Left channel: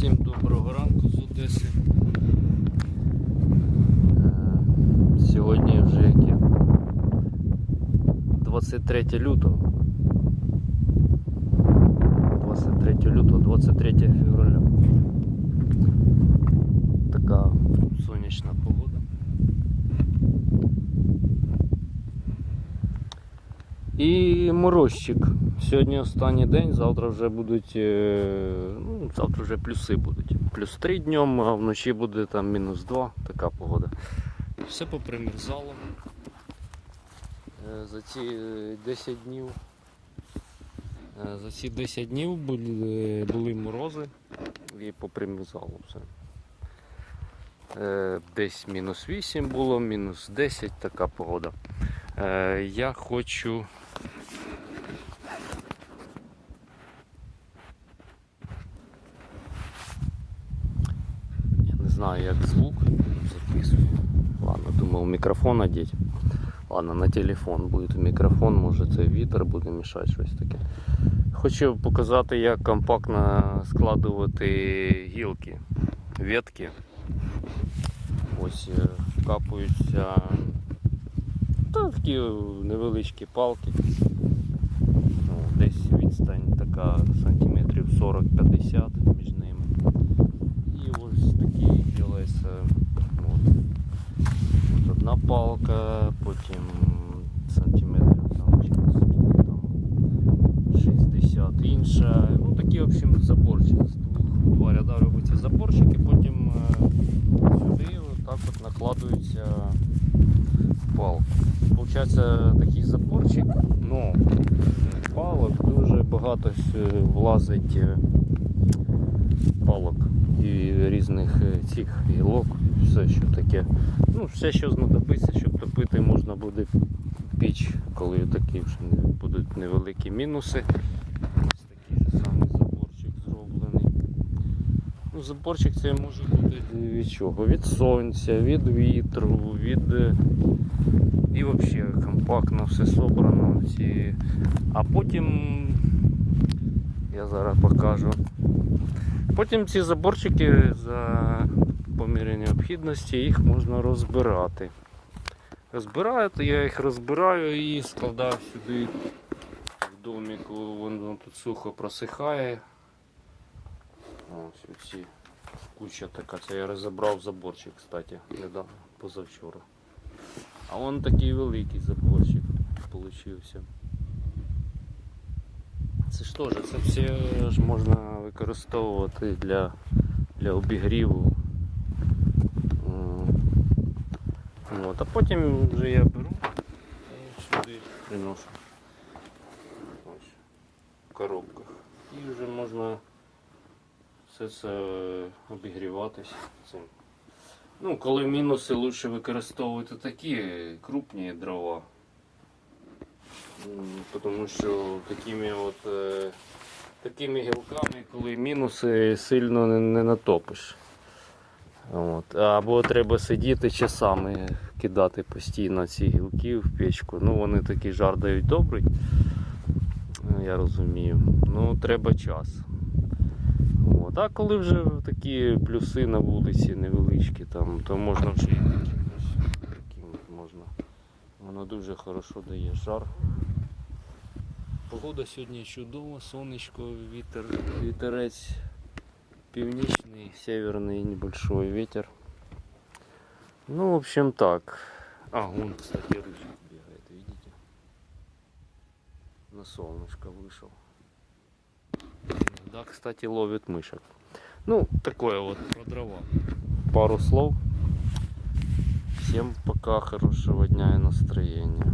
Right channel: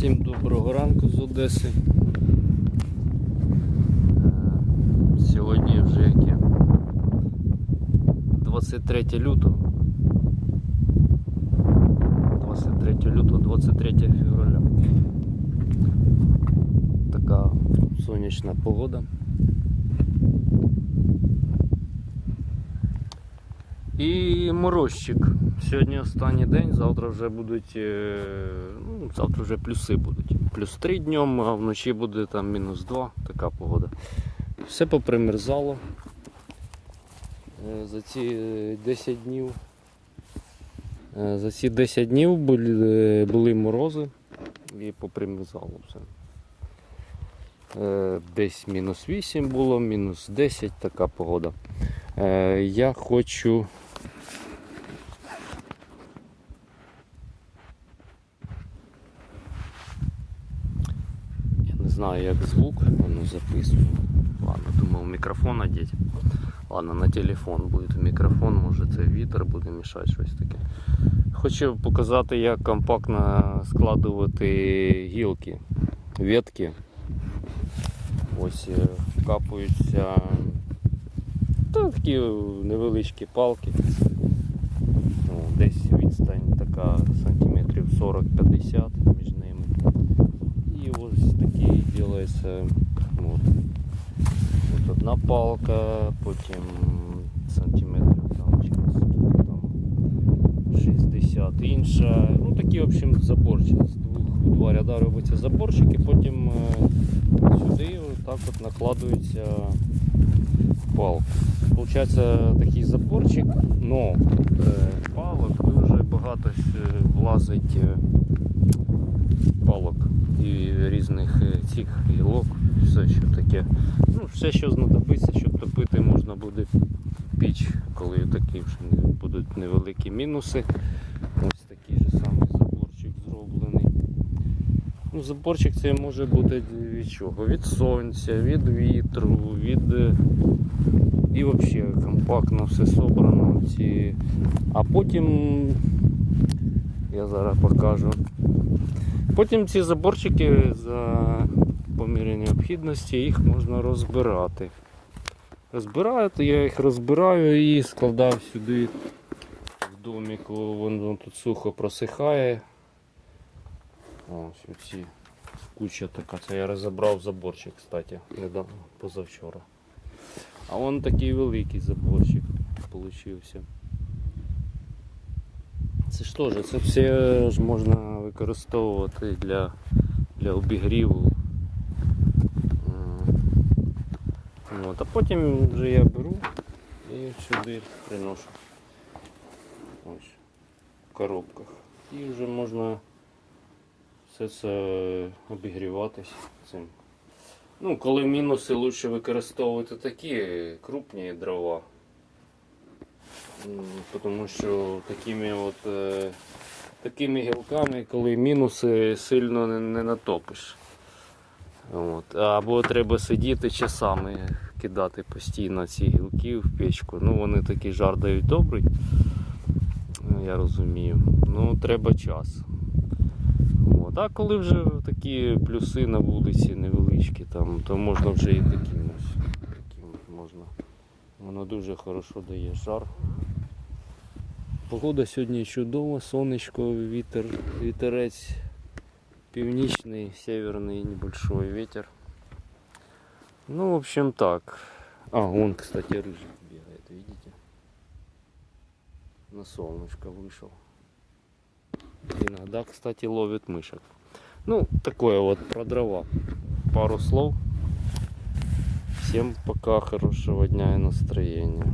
Всім доброго ранку з Одеси. Е, Сьогодні вже яке? 23 лютого. 23 лютого, 23 февраля. Така сонячна погода. І морозчик. Сьогодні останній день, завтра вже будуть. е, Ну, завтра вже плюси будуть. Плюс 3 днем, а вночі буде там мінус 2, така погода. Все попримерзало. Е, За ці е, 10 днів. е, За ці 10 днів були, були морози і попримерзало все. Десь мінус 8 було, мінус 10, така погода. Я хочу знаю, як звук воно записує. Ладно, думав мікрофон одеть. Ладно, на телефон буде мікрофон, може це вітер буде мішати щось таке. Хочу показати, як компактно складувати гілки, ветки. Ось е, капаються та такі невеличкі палки. Ну, десь відстань така сантиметрів 40-50 між ними. І ось такий робиться от, от одна палка, потім сантиметрів там через там 60 інша. Ну такі в общем заборчик. З два ряда робиться заборчик і потім е, сюди отак от накладується палки. Получається такий заборчик, но е, палок дуже багато влазить е, палок і різних е, цих гілок, все що таке. Ну, все, що знадобиться, щоб топити, можна буде піч, коли такі вже будуть невеликі мінуси. Ось такий же самий заборчик зроблений. Ну, заборчик це може бути від чого? Від сонця, від вітру, від. е, І взагалі компактно все собрано. А потім я зараз покажу. Потім ці заборчики за по мірі необхідності їх можна розбирати. Розбираю, то я їх розбираю і складав сюди в доміку, воно тут сухо просихає. Ось оці куча така. Це я розібрав заборчик, кстати, недавно, позавчора. А вон такий великий заборчик получився. Це ж теж, це все ж можна використовувати для, для обігріву. От, а потім вже я беру і сюди приношу. Ось, в коробках. І вже можна все це обігріватись цим. Ну, коли мінуси лучше використовувати такі крупні дрова. Тому що такими от е, такими гілками, коли мінуси сильно не, не натопиш. От. Або треба сидіти часами, кидати постійно ці гілки в печку. Ну вони такі жар дають добрий, я розумію. Ну треба час. От. А коли вже такі плюси на вулиці невеличкі, там, то можна вже і таким, таким можна. Воно дуже хорошо дає жар. Погода сьогодні чудова, сонечко, вітер, вітерець північний, северний небольшой ветер. Ну, в общем так. А, вон, кстати, рыжик бегает, видите? На солнышко вышел. Иногда, кстати, ловит мышек. Ну, такое вот про дрова. Пару слов. Всем пока, хорошего дня и настроения.